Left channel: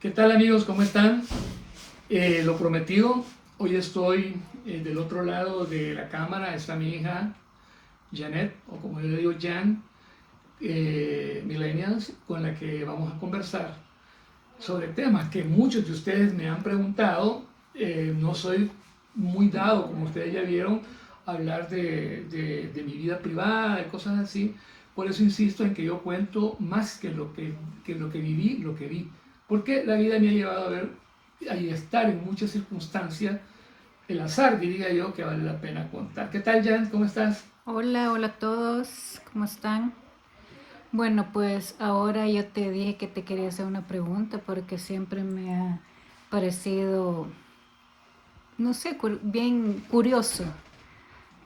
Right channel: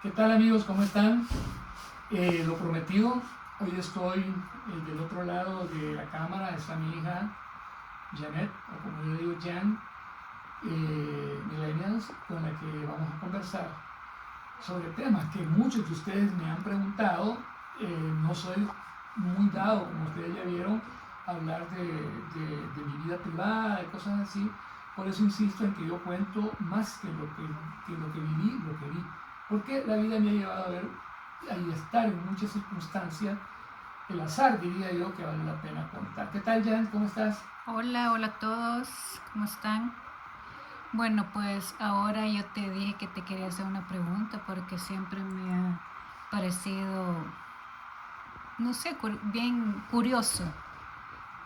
¿Qué tal amigos? ¿Cómo están? Lo prometido, hoy estoy del otro lado de la cámara, está mi hija Janet, o como yo le digo Jan, Millennials, con la que vamos a conversar sobre temas que muchos de ustedes me han preguntado. No soy muy dado, como ustedes ya vieron, a hablar de mi vida privada, de cosas así. Por eso insisto en que yo cuento más que lo que viví, lo que vi. Porque la vida me ha llevado a ver y estar en muchas circunstancias, el azar diría yo, que vale la pena contar. ¿Qué tal, Jan? ¿Cómo estás? Hola, hola a todos, ¿cómo están? Bueno, pues ahora yo te dije que te quería hacer una pregunta porque siempre me ha parecido, no sé, bien curioso.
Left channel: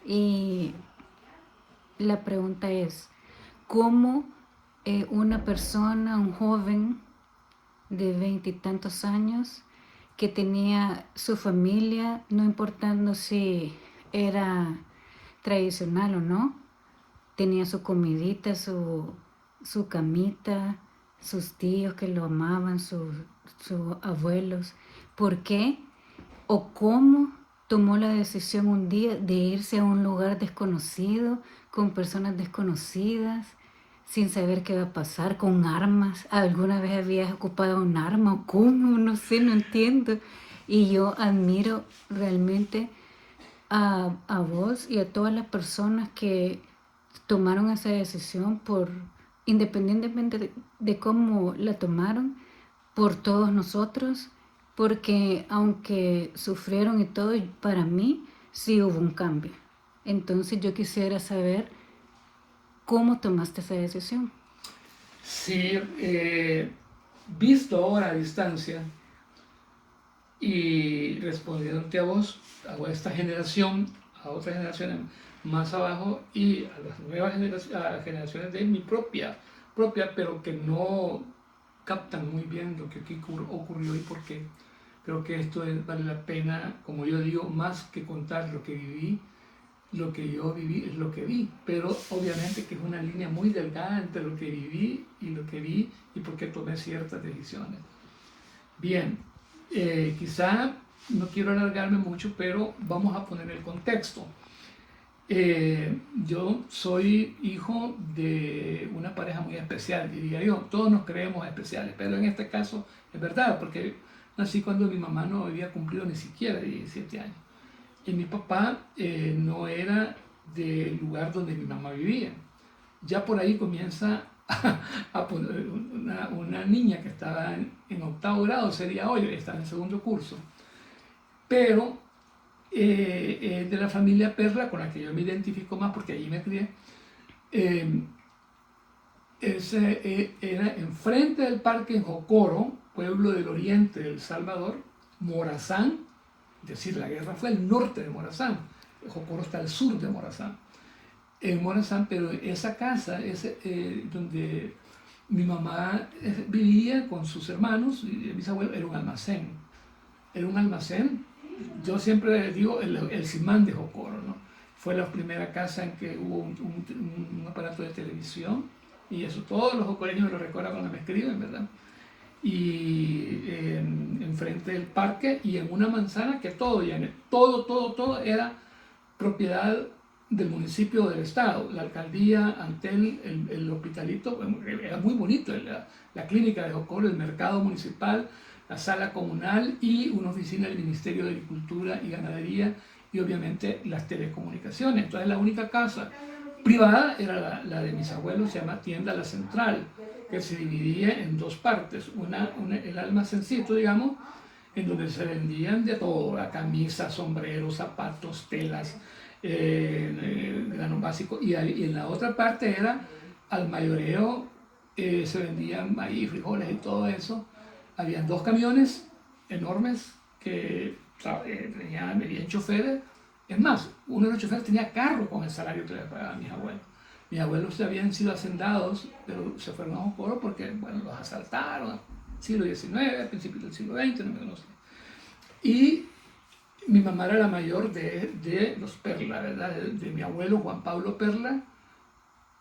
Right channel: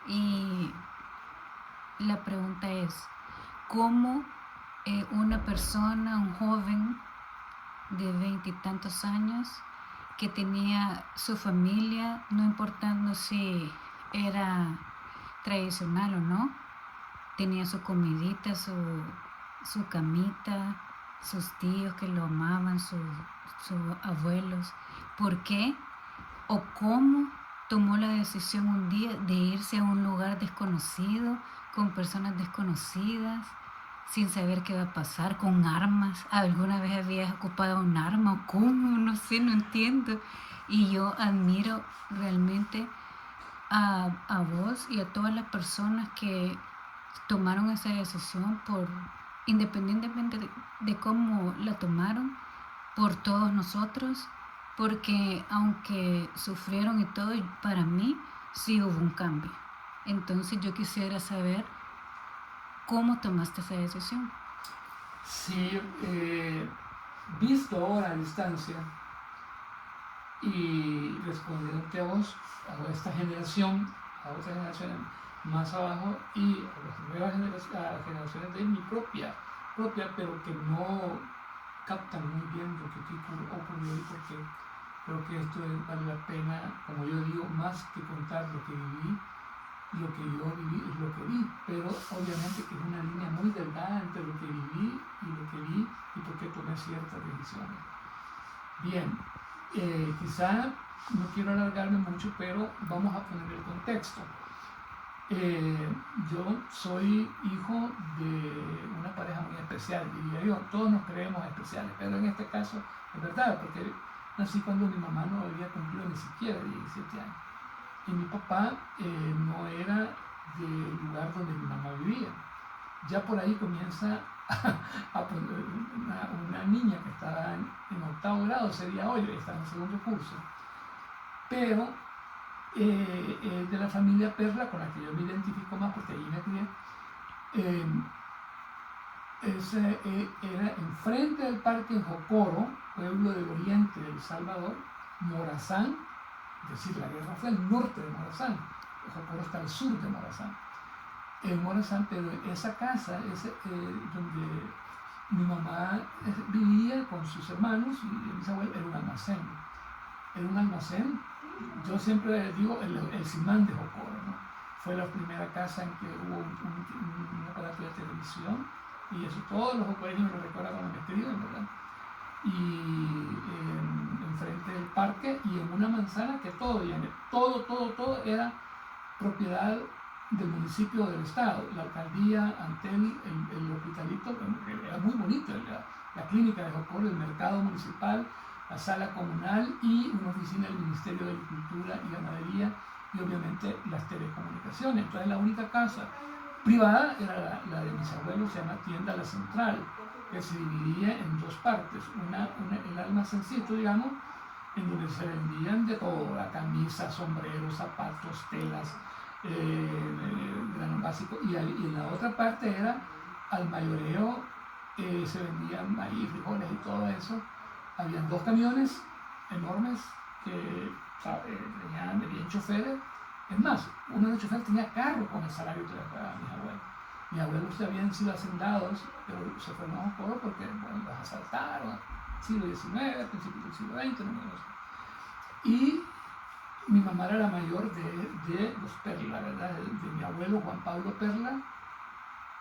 Y la pregunta es, ¿cómo una persona, un joven de veintitantos años, que tenía su familia, no importando si era tradicional o no, tenía su comidita, su camita, sus tíos que lo amaban, sus abuelos? ¿Por qué o cómo tomó la decisión un día de irse a un lugar desconocido, con personas desconocidas, sin saber qué va a pasar, con armas? ¿Alguna vez habías ocupado un arma o cómo? No sé, no entiendo. Y yo admiro realmente a vos y a todas las personas que tomaron esa decisión independientemente de cómo la tomaron, por todos nosotros, porque aunque sufrieron y todo, para mí sí hubo un cambio. Entonces yo quisiera saber cómo tomaste esa decisión. Sí, visto ahora a distancia y respondiéndote a vos, a esta generación, a otras generaciones más abajo y a las nuevas generaciones, a las generaciones de mi propia, pero que no captan muy bien lo que aquí ocurrió y por qué. Creo que esto vale la pena, como yo digo, más que contar lo que viví, lo que yo viví es lo que vi, pero obviamente que es una línea muy delgada entre lo que viví y lo que vi y por qué tomé ciertas decisiones. Bien, quizá no quiero alargarme mucho, pero vamos a poner el contexto. Yo soy hijo de una pareja muy especial, diría yo. Todos nos creemos especiales, pero en este caso es verdad, porque nací cuando mi mamá no había cumplido ni siquiera 17 años. Y mi papá no era del lugar donde mi mamá vivía. Ya por ahí comienza a poner una niña que estaba en octavo grado, sería hoy, está en segundo curso. Pero de la familia Perla, con la que yo me identifico más porque allí me crié, eh, era enfrente del parque en Jocoro, pueblo del oriente de El Salvador, Morazán, es decir, la guerra fue al norte de Morazán, Jocoro está al sur de Morazán, en Morazán, pero esa casa es donde mi mamá vivía con sus hermanos y mis abuelos, era un almacén. Yo siempre digo el Simán de Jocoro, ¿no? Fue la primera casa en que hubo un aparato de televisión y eso todos los jocoreños me lo recuerdan cuando me escriben, ¿verdad? Y enfrente del parque y en una manzana que todo era propiedad del municipio del estado, la alcaldía, Antel, el hospitalito, bueno, era muy bonito, la clínica de Jocoro, el mercado municipal, la sala comunal y una oficina del Ministerio de Agricultura y Ganadería y obviamente las telecomunicaciones. Entonces la única casa privada era la de mis abuelos, se llama Tienda La Central, que se dividía en dos partes, el almacencito, digamos, en donde se vendían de todo, camisas, sombreros, zapatos, telas, grano básico, y en la otra parte era al mayoreo, se vendían maíz, frijoles y todo eso. Habían dos camiones enormes que venían choferes. Es más, uno de los choferes tenía carro con el salario que le pagaban mis abuelos. Mis abuelos habían sido hacendados, pero se fueron a Jocoro porque, bueno, los asaltaron, siglo XIX, principios del siglo XX, no sé. Y mi mamá era la mayor de los Perla, ¿verdad? De mi abuelo Juan Pablo Perla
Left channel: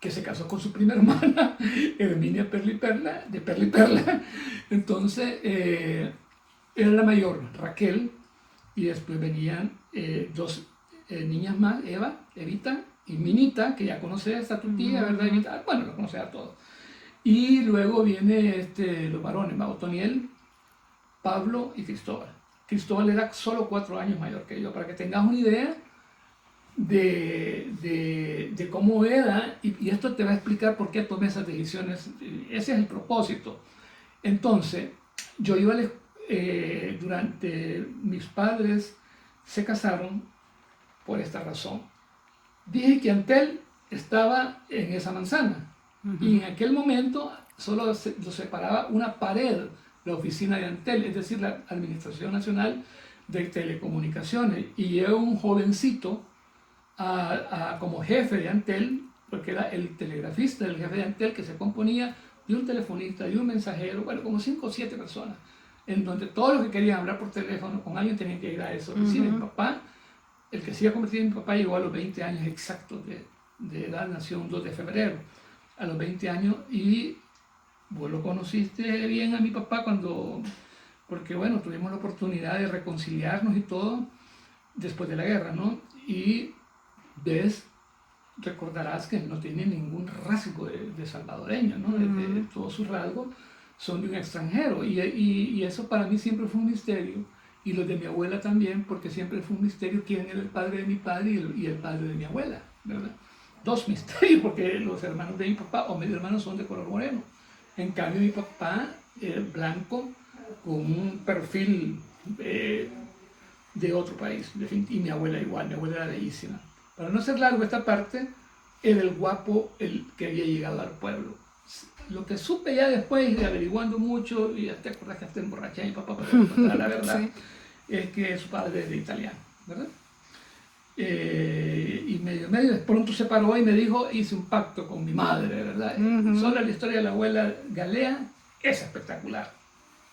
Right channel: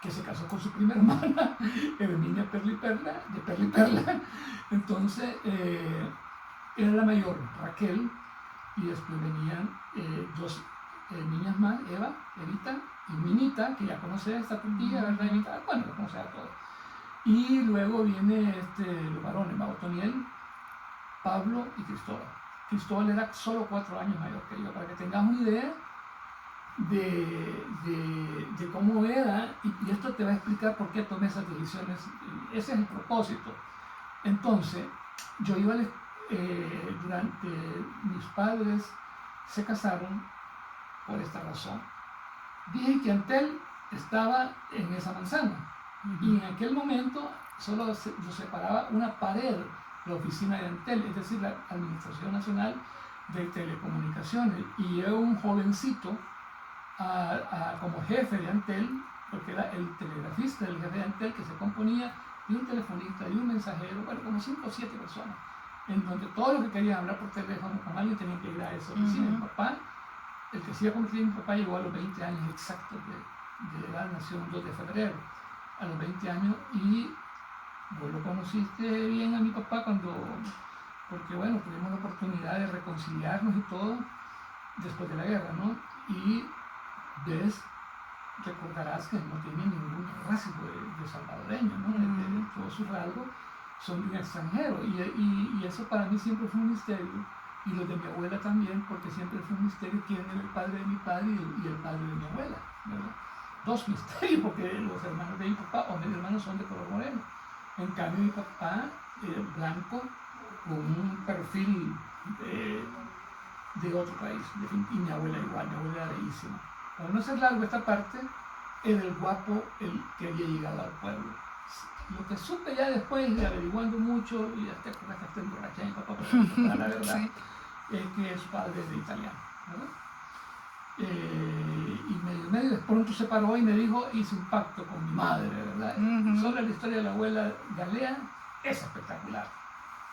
que se casó con su prima hermana, Herminia Perla y Perla, de Perla y Perla. Entonces, era la mayor, Raquel, y después venían dos niñas más, Evita y Minita, que ya conoce esta tu tía, ¿verdad? Evita, bueno, lo conoce a todos. Y luego viene los varones, Otoniel, Pablo y Cristóbal. Cristóbal era solo 4 años mayor que yo, para que tengas una idea de cómo era, y esto te va a explicar por qué tomé esas decisiones. Ese es el propósito. Entonces, yo iba durante mis padres se casaron por esta razón. Dije que Antel estaba en esa manzana, y en aquel momento solo lo separaba una pared, la oficina de Antel, es decir, la Administración Nacional de Telecomunicaciones, y yo un jovencito como jefe de Antel, porque era el telegrafista del jefe de Antel, que se componía de un telefonista, de un mensajero, bueno, como 5 o 7 personas, en donde todos los que querían hablar por teléfono con alguien tenían que ir a eso. Mi papá, el que se iba a convertir en mi papá, llegó a los 20 años exactos de edad, nació un 2 de febrero, a los 20 años, y vos lo conociste bien a mi papá porque bueno, tuvimos la oportunidad de reconciliarnos y todo después de la guerra, ¿no? Y recordarás que no tiene ningún rasgo de salvadoreño, ¿no? Todos sus rasgos son de un extranjero, y eso para mí siempre fue un misterio, y los de mi abuela también, porque siempre fue un misterio quién era el padre de mi padre y el padre de mi abuela, ¿verdad? 2 misterios, porque los hermanos de mi papá o mis hermanos son de color moreno. En cambio, mi papá, blanco, con un perfil de otro país, y mi abuela igual, mi abuela era bellísima. Para no ser largo esta parte, era el guapo el que había llegado al pueblo. Lo que supe ya después, averiguando mucho, y hasta que hasta emborraché a mi papá para contar la verdad, sí, es que su padre es de italiano, ¿verdad? Y medio de pronto se paró y me dijo, hice un pacto con mi madre, ¿verdad? Solo la historia de la abuela Galea es espectacular,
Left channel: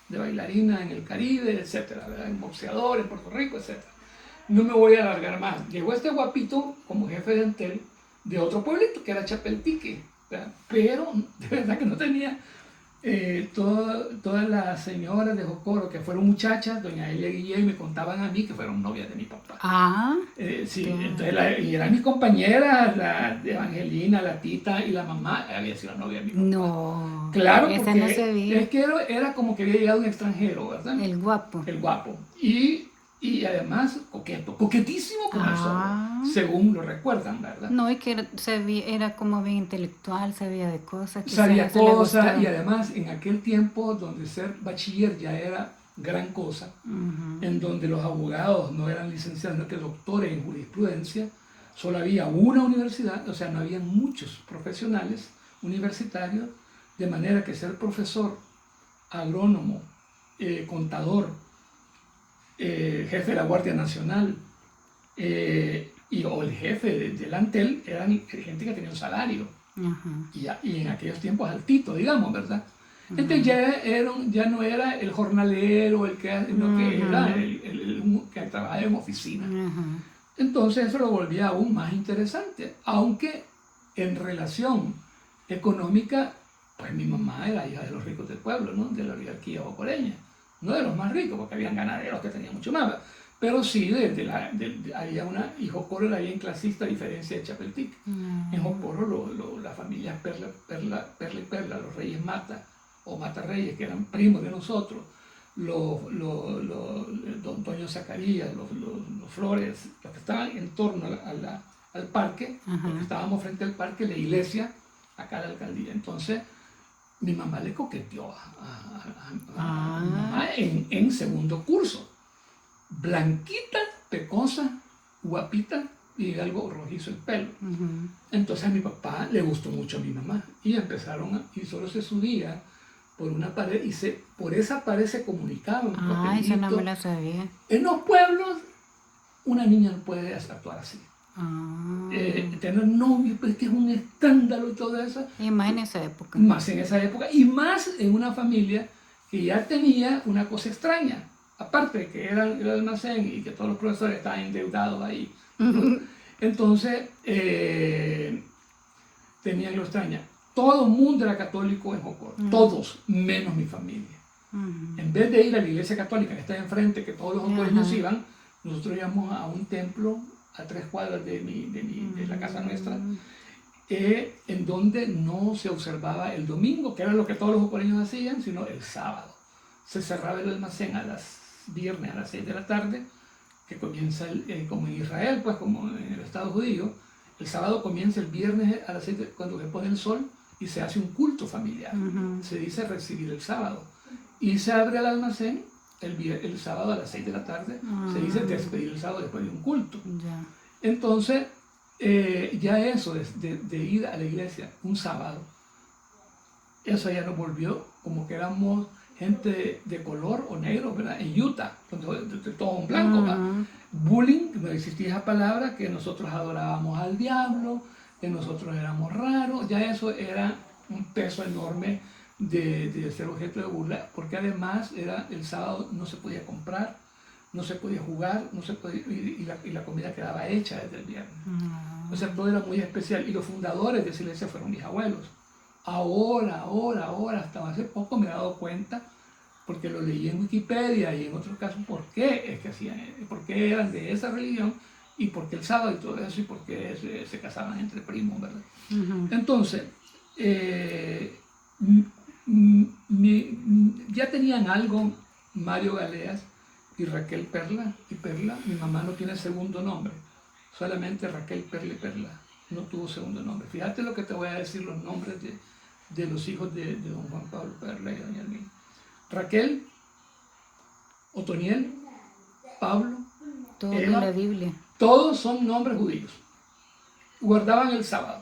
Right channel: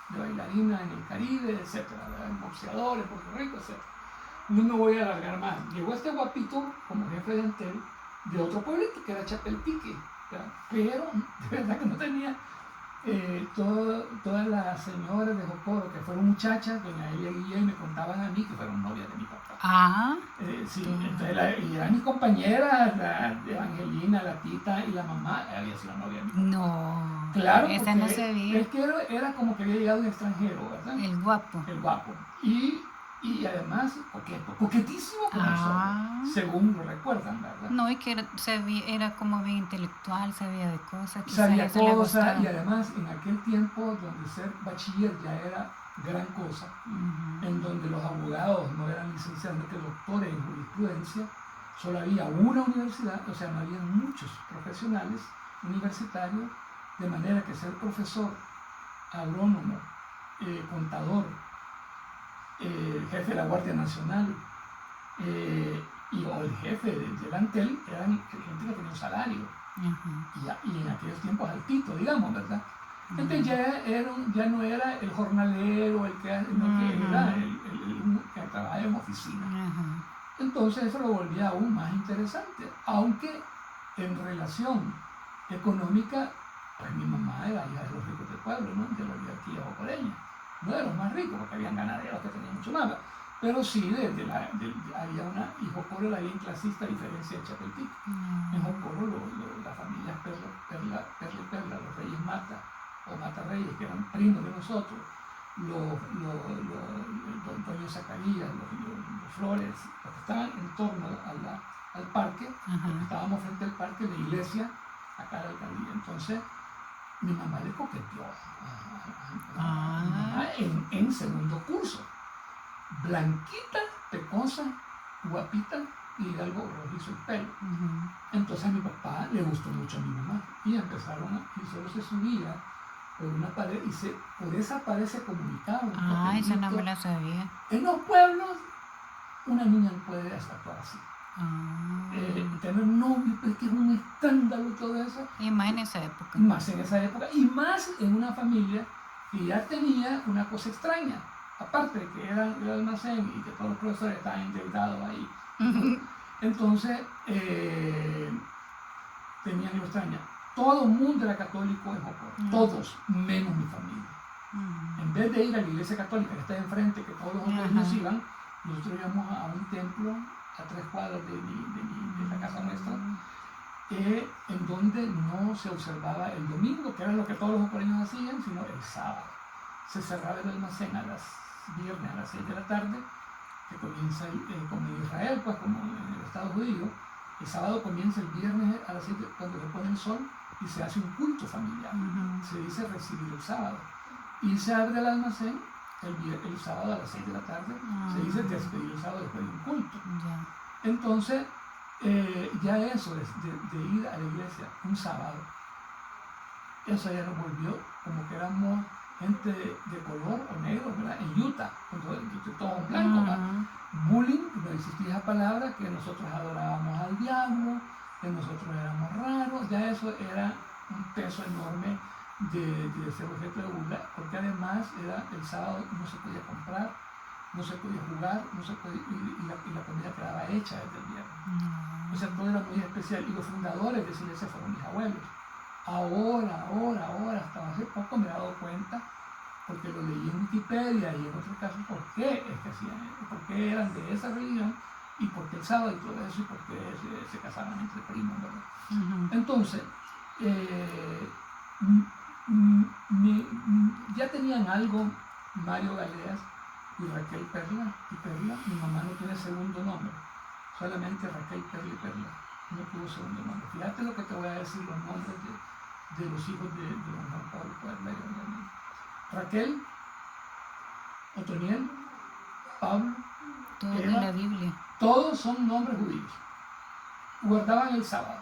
de bailarina en el Caribe, etcétera, ¿verdad? En boxeador en Puerto Rico, etcétera. No me voy a alargar más. Llegó este guapito como jefe de Antel de otro pueblito que era Chapeltique, ¿verdad? Pero de verdad que no tenía todas las señoras de Jocoro que fueron muchachas, doña Elia Guillén, me contaban a mí que fueron novias de mi papá. Sí, entonces y eran mis compañeras, la Evangelina, la Tita y la mamá, había sido novia de mi papá. No, claro, esa porque no se veía. es que era como que había llegado un extranjero, ¿verdad? El guapo. El guapo. Y además coquetísimo como el según lo recuerdan, ¿verdad? No, y que era como bien intelectual, sabía de cosas. Sabía cosas, y además en aquel tiempo donde ser bachiller ya era gran cosa, en donde los abogados no eran licenciados, sino que doctores en jurisprudencia, solo había una universidad, o sea, no había muchos profesionales universitarios, de manera que ser profesor, agrónomo, contador, jefe de la Guardia Nacional o el jefe del Antel eran gente que tenía un salario y en aquellos tiempos altito, digamos, ¿verdad? Entonces ya no era el jornalero el que era el que trabajaba en oficina. Entonces eso lo volvía aún más interesante, aunque en relación económica, pues mi mamá era hija de los ricos del pueblo, ¿no? De la oligarquía jocoreña. No de los más ricos, porque habían ganaderos que tenían mucho más, pero sí había y Jocoro era bien clasista, a diferencia de Chapeltique. En Jocoro la familia Perla y Perla, los reyes Mata o Mata Reyes, que eran primos de nosotros, don Toño Zacarías, los Flores, los que estaban en torno al parque, porque estábamos frente al parque, la iglesia, acá la alcaldía. Entonces mi mamá le coqueteó a mi mamá en segundo curso. Blanquita, pecosa, guapita y algo rojizo el pelo. Entonces a mi papá le gustó mucho a mi mamá y y solo se subía por una pared y por esa pared se comunicaban. Esa no me la sabía. En los pueblos una niña no puede actuar así. Tener novio, pero es que es un escándalo todo eso. Y más en esa época. Más en esa época y más en una familia que ya tenía una cosa extraña. Aparte de que era el almacén y que todos los profesores estaban endeudados ahí. Entonces, tenía lo extraña. Todo el mundo era católico en Jocoro, todos, menos mi familia. En vez de ir a la iglesia católica que está enfrente, que todos los jocoreños iban, nosotros íbamos a un templo a 3 cuadras de la casa nuestra, en donde no se observaba el domingo, que era lo que todos los jocoreños hacían, sino el sábado. Se cerraba el almacén viernes a las 6 de la tarde, que comienza como en Israel, pues como en el Estado judío. El sábado comienza el viernes a las 6 cuando se pone el sol y se hace un culto familiar. Se dice recibir el sábado. Y se abre el almacén el sábado a las 6 de la tarde. Se dice despedir el sábado después de un culto. Entonces, ya eso de ir a la iglesia un sábado, eso ya nos volvió como que éramos gente de color o negro, ¿verdad? En Utah, todo en blanco. Bullying, no existía esa palabra, que nosotros adorábamos al diablo, que nosotros éramos raros, ya eso era un peso enorme de ser objeto de burla, porque además el sábado no se podía comprar, no se podía jugar, no se podía, y la comida quedaba hecha desde el viernes. O sea, todo era muy especial, y los fundadores de Silesia fueron mis abuelos. Ahora, hasta hace poco me he dado cuenta, porque lo leí en Wikipedia y en otros casos, por qué es que hacían eso, por qué eran de esa religión, y por qué el sábado y todo eso, y por qué se casaban entre primos, ¿verdad? Entonces, ya tenían algo Mario Galeas y Raquel Perla, mi mamá no tiene segundo nombre, solamente Raquel Perla y Perla, no tuvo segundo nombre. Fíjate lo que te voy a decir, los nombres de los hijos de don Juan Pablo Perla y doña Hermina. Raquel, Otoniel, Pablo, todo en la Biblia. Todos son nombres judíos. Guardaban el sábado.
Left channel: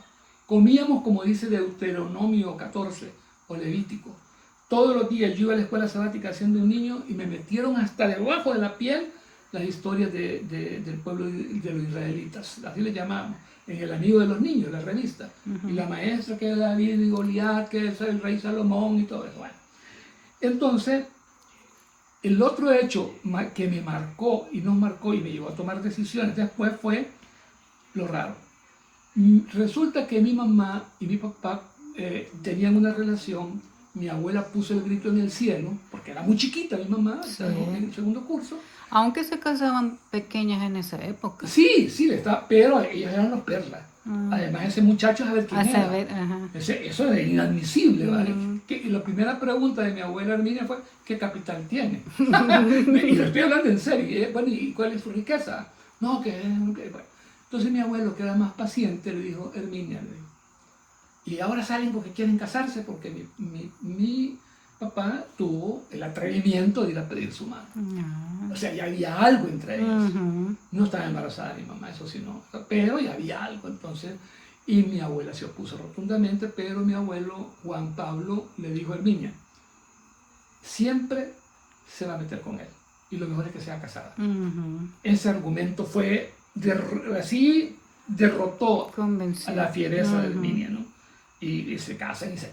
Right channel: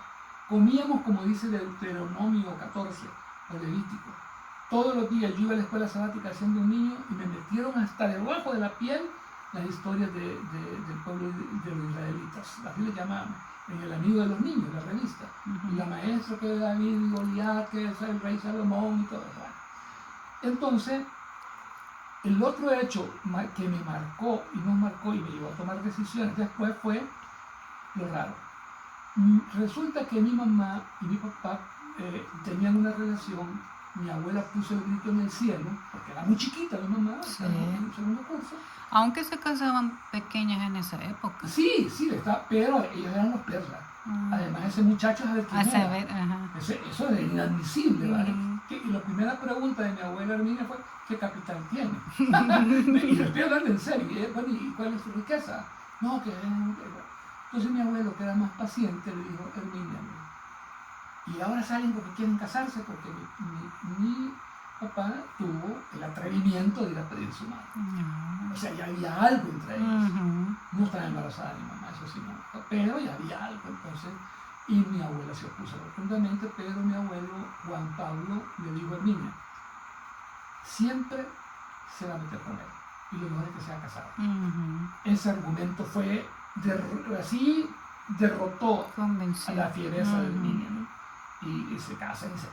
Comíamos, como dice Deuteronomio 14 o Levítico. Todos los días yo iba a la escuela sabática siendo un niño y me metieron hasta debajo de la piel las historias del pueblo de los israelitas. Así le llamaban, en El Amigo de los Niños, la revista. Y la maestra que es David y Goliat, que es el rey Salomón y todo eso. Bueno. Entonces, el otro hecho que me marcó y nos marcó y me llevó a tomar decisiones después fue lo raro. Resulta que mi mamá y mi papá tenían una relación. Mi abuela puso el grito en el cielo, porque era muy chiquita mi mamá, en el segundo curso. Aunque se casaban pequeñas en esa época. Sí, pero ellos eran los Perlas. Además, ese muchacho es quién era. Eso es inadmisible, ¿vale? Y la primera pregunta de mi abuela Herminia fue, ¿qué capital tiene? Y lo estoy hablando en serio. Bueno, ¿y cuál es su riqueza? No, bueno. Entonces mi abuelo, que era más paciente, le dijo, Herminia, y ahora salen porque quieren casarse, porque mi papá tuvo el atrevimiento de ir a pedir su mano. O sea, ya había algo entre ellos. No estaba embarazada mi mamá, eso sí no, pero ya había algo. Entonces, y mi abuela se opuso rotundamente, pero mi abuelo Juan Pablo le dijo a Herminia, siempre se va a meter con él, y lo mejor es que sea casada. Ese argumento fue, así derrotó a la fiereza de Herminia, ¿no? Y se casan y se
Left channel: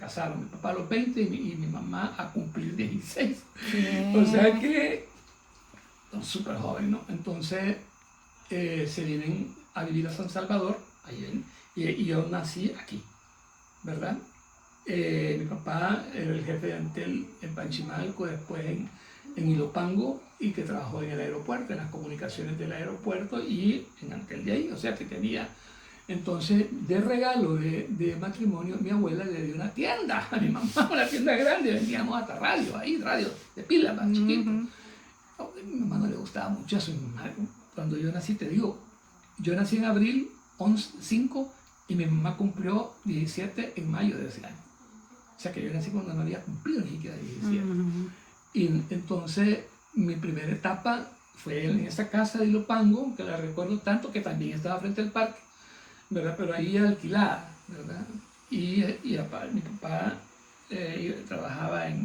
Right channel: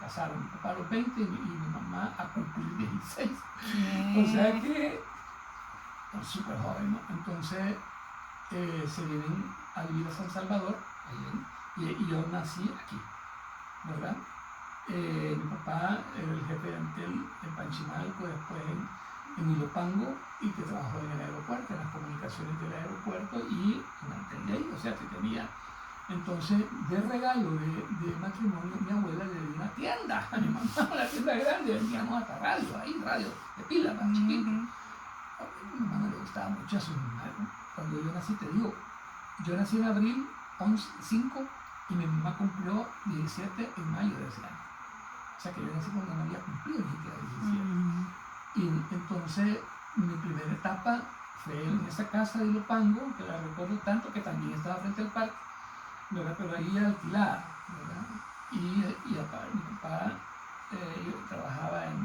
casaron. Mi papá a los 20 y mi mamá a cumplir 16. O sea que súper joven, ¿no? Entonces se vienen a vivir a San Salvador y yo nací aquí, ¿verdad? Mi papá era el jefe de Antel en Panchimalco, después en Ilopango, y que trabajó en el aeropuerto, en las comunicaciones del aeropuerto y en Antel de ahí, o sea que tenía. Entonces, de regalo de matrimonio, mi abuela le dio una tienda a mi mamá, una tienda grande, vendíamos hasta radio de pila, más chiquito. A mi mamá no le gustaba mucho eso. Cuando yo nací, te digo, yo nací en abril 5 y mi mamá cumplió 17 en mayo de ese año. O sea que yo nací cuando no había cumplido ni siquiera 17. Y entonces, mi primera etapa fue en esa casa de Ilopango, que la recuerdo tanto, que también estaba frente al parque, ¿verdad? Pero ahí alquilada, ¿verdad? Y mi papá trabajaba en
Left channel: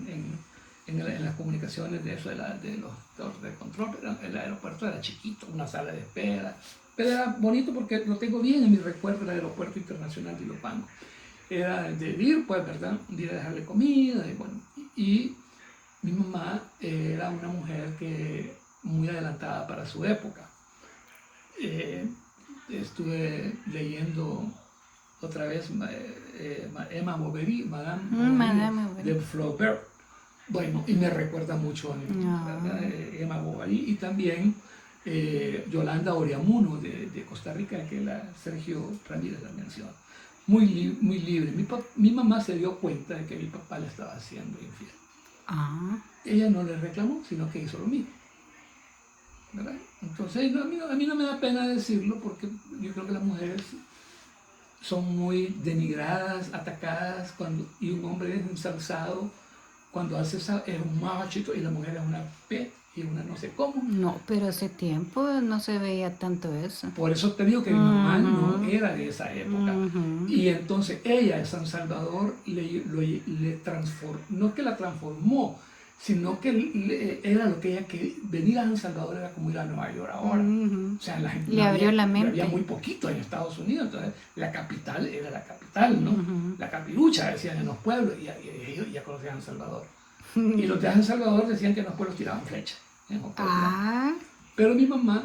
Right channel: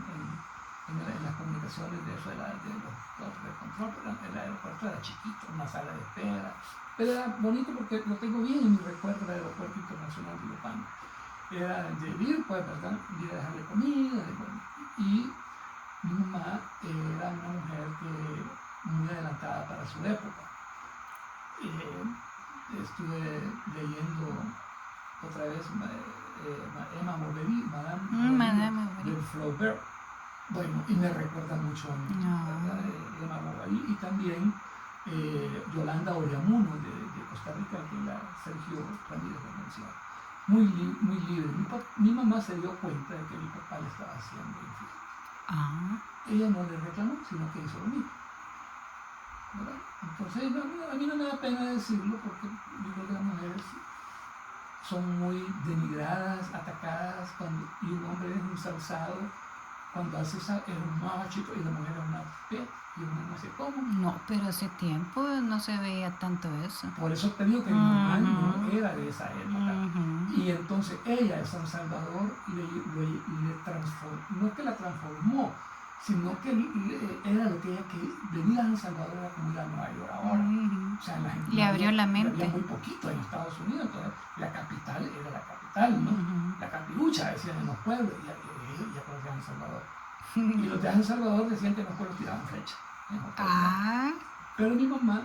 las comunicaciones de eso, de los de control, pero el aeropuerto era chiquito, una sala de espera, pero era bonito porque lo tengo bien en mi recuerdo del aeropuerto internacional de Ilopango. Era de ir, pues, ¿verdad? De ir a dejarle comida, y mi mamá era una mujer que muy adelantada para su época. Estuve leyendo otra vez Emma Bovary, Madame de Flaubert. Bueno, y me recuerda mucho a mí, No. Emma Bovary, y también Yolanda Oriamuno de Costa Rica, que Sergio Ramírez la menciona. Muy libre. Mi mamá se dio cuenta de que mi papá le estaba haciendo infiel. Ah, Ella no le reclamó, sino que hizo lo mismo, ¿verdad? Entonces, a mí no me da pena decirlo, porque yo creo que las mujeres son muy denigradas, atacadas, y un hombre es ensalzado cuando hace es un machito y la mujer es una P y una no sé cómo. no, pero hace tiempo no se veía tanto eso. Por eso te digo que mi mamá no Ujú. era de esa época. Ujú. Y entonces ella de San Salvador le transformó, no es que la transformó, sino que era lo que ella quería. Venir a San Salvador era como ir a Nueva York ahora. Ujú. O sea, la gente Le abrió la mente. había muy poquito en Estados Unidos, entonces la capital era la capital, ¿no? Ujú. La capirucha, decían en los pueblos, y ellos ya conocían San Salvador. Y los de San Salvador decían que en los pueblos tiraban flechas. Ah, Pero mi mamá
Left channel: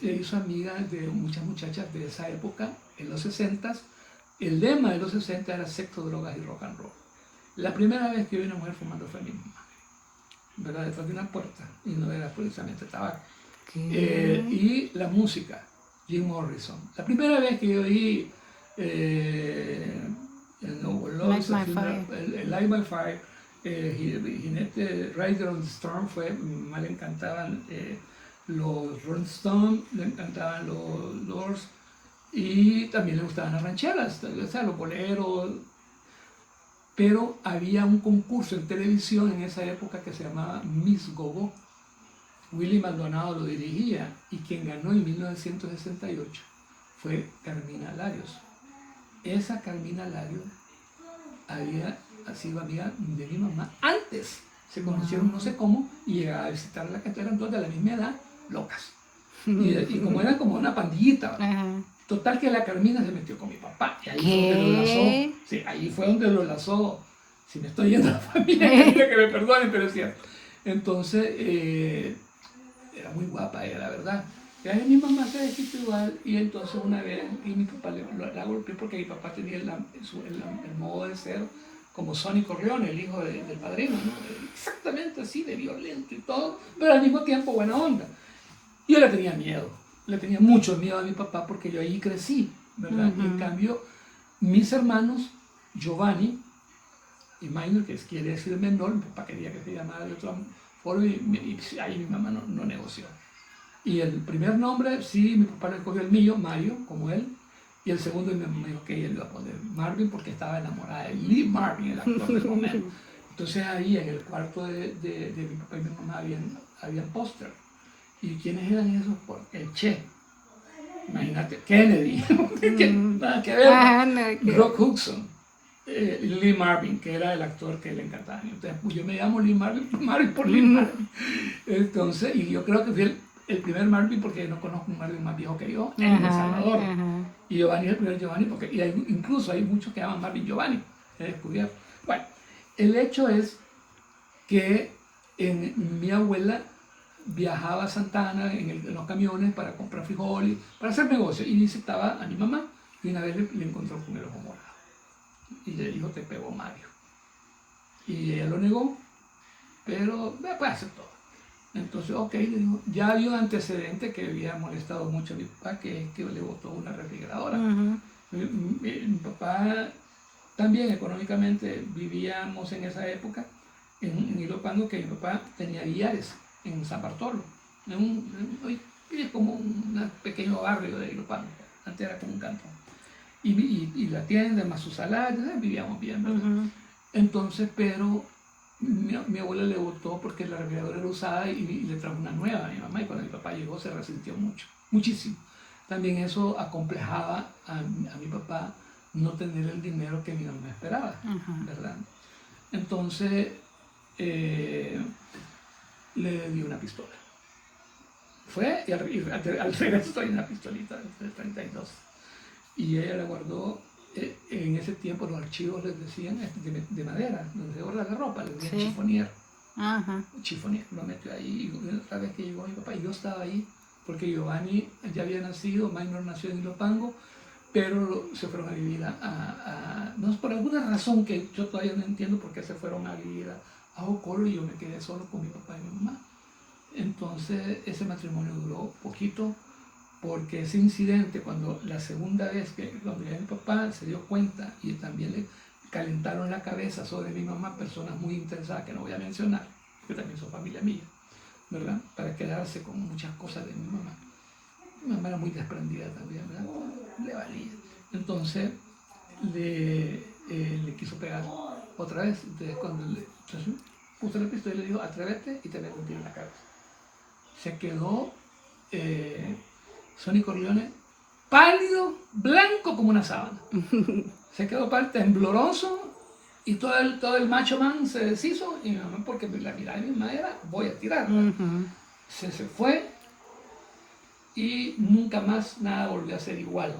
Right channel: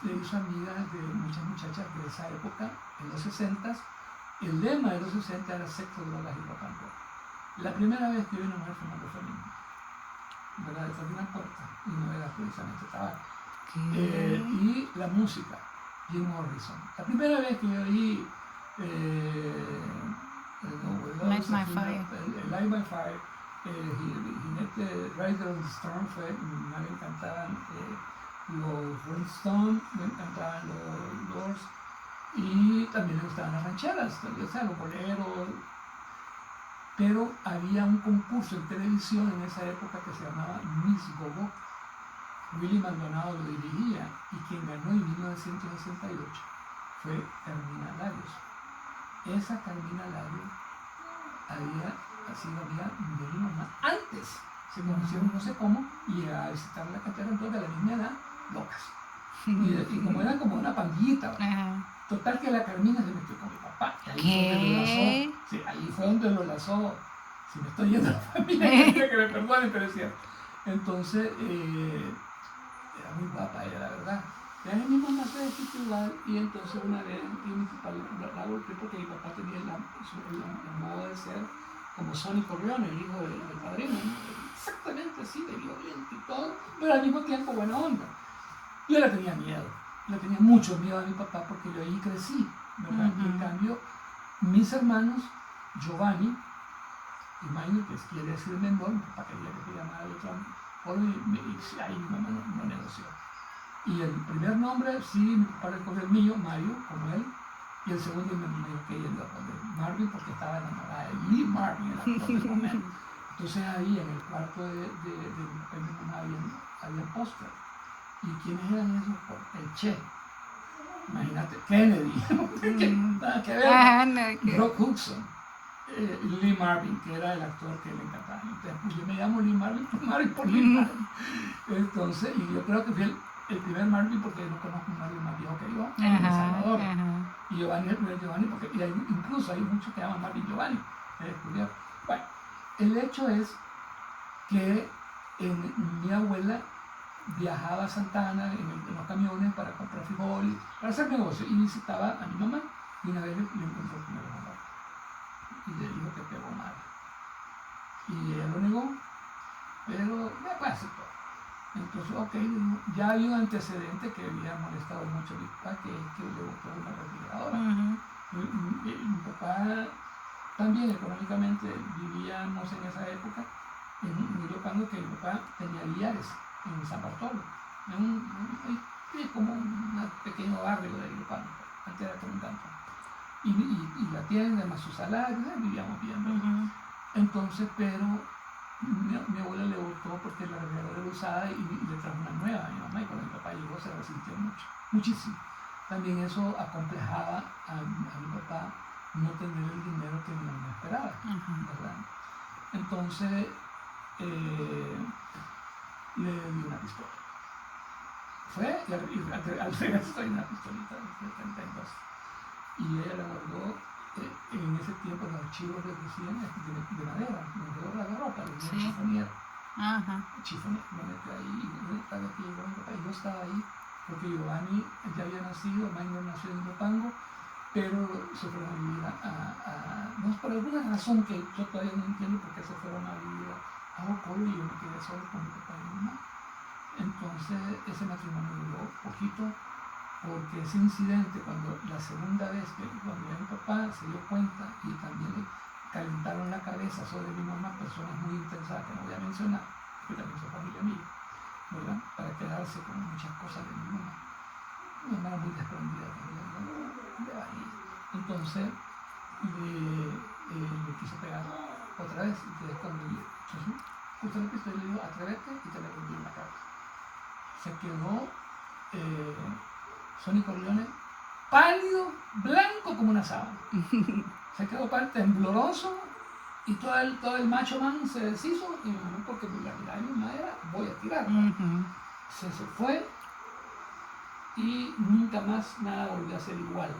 se hizo amiga de muchas muchachas de esa época, en los 60s. El lema de los 60 era sexo, drogas y rock and roll. La primera vez que vi una mujer fumando fue a mi mamá, ¿verdad? Detrás de una puerta, y no era precisamente tabaco. ¿qué? Y la música, Jim Morrison. La primera vez que yo oí Light My Fire. el Light My Fire, Jinete Rider on the Storm, me le encantaban los Rolling Stones, me encantaban los Doors, y también le gustaban las rancheras, o sea, los boleros. Pero había un concurso en televisión en esa época que se llamaba Miss Gogo. Willy Maldonado lo dirigía, y quien ganó en 1968 fue Carmina Larios. Esa Carmina Larios había sido amiga de mi mamá antes. Se conocieron no sé cómo, y llegaba a visitar la cantera, entonces de la misma edad, locas. Y como era como una pandillita. Ajá. Total que la Carmina se metió con mi papá. Y ahí ¿Qué? fue donde lo lazó. Sí, ahí fue donde lo lazó. Si me estoy yendo a la familia, que me perdonen, pero es cierto. Entonces, era muy guapa ella, la verdad. Y ahí mi mamá se dejó igual, y entonces una vez, y mi papá la golpeó porque mi papá tenía el modo de ser como Sonny Corleone, el hijo del padrino, ¿no? Exactamente así, de violento y todo, pero al mismo tiempo buena onda. Yo le tenía miedo, le tenía mucho miedo a mi papá porque yo ahí crecí, ¿verdad? Uh-huh. En cambio, mis hermanos, Giovanni y Minor, que quiere decir menor, mi papá quería que se llamara de otro forma, y ahí mi mamá no negoció. Y el primer nombre, sí, mi papá le escogió el mío, Mario, como él, y el segundo me dijo que ella le iba a poner Marvin porque estaba enamorada de Lee Marvin, el actor del momento. Entonces ahí en el cuarto de mi papá y mi mamá había póster. ¿Y quiénes eran esos? Pues el Che, imagínate, Kennedy, nada que ver, Rock Hudson, Lee Marvin, que era el actor que le encantaba. Entonces, pues yo me llamo Lee Marvin por Lee Marvin. Entonces, y yo creo que fui el primer Marvin porque no conozco un Marvin más viejo que yo en El Salvador. Y Giovanni es el primer Giovanni porque incluso hay muchos que llaman Marvin Giovanni, he descubierto. Bueno, el hecho es que mi abuela viajaba a Santa Ana en los camiones para comprar frijoles, para hacer negocios, y visitaba a mi mamá, y una vez le encontró el primer ojo morado y le dijo: te pegó Mario. Y ella lo negó, pero pues aceptó. Entonces, ok, ya había un antecedente que había molestado mucho a mi papá, que es que le botó una refrigeradora. Mi papá también económicamente vivíamos en esa época en Ilopango, que mi papá tenía billares en San Bartolo, es como un pequeño barrio de Ilopango, antes era como un cantón, y la tienda más sus salarios, vivíamos bien, ¿verdad? Entonces, pero mi abuela le votó porque la refrigeradora era usada, y le trajo una nueva a mi mamá, y cuando mi papá llegó se resintió muchísimo. También eso acomplejaba a mi papá no tener el dinero que mi mamá esperaba, ¿verdad? Entonces le dio una pistola. Fue y al regreso hay una pistolita del 32, y ella la guardó. En ese tiempo los archivos les decían de madera, donde la ropa, le decían chifonier. Chifonier, lo metió ahí, y otra vez que llegó mi papá, y yo estaba ahí, porque Giovanni ya había nacido, Minor nació en Ilopango, pero se fueron a vivir no es por alguna razón que yo todavía no entiendo por qué se fueron a vivir a Jocoro y yo me quedé solo con mi papá y mi mamá. Entonces ese matrimonio duró poquito porque ese incidente, cuando la segunda vez que cuando ya mi papá se dio cuenta y también le calentaron la cabeza sobre mi mamá, personas muy interesadas que no voy a mencionar, que también son familia mía, ¿verdad? Para quedarse con muchas cosas de mi mamá. Mi mamá era muy desprendida también, ¿verdad? Le valía. Entonces le quiso pegar otra vez. Entonces cuando justo le pistola, le dijo, atrévete y te le un tiro en la cabeza. Se quedó Sonny Corleone pálido, blanco como una sábana. Se quedó tembloroso y todo el macho man se deshizo y mi mamá, porque la mirada de mi mamá era, voy a tirar. Se fue y nunca más nada volvió a ser igual.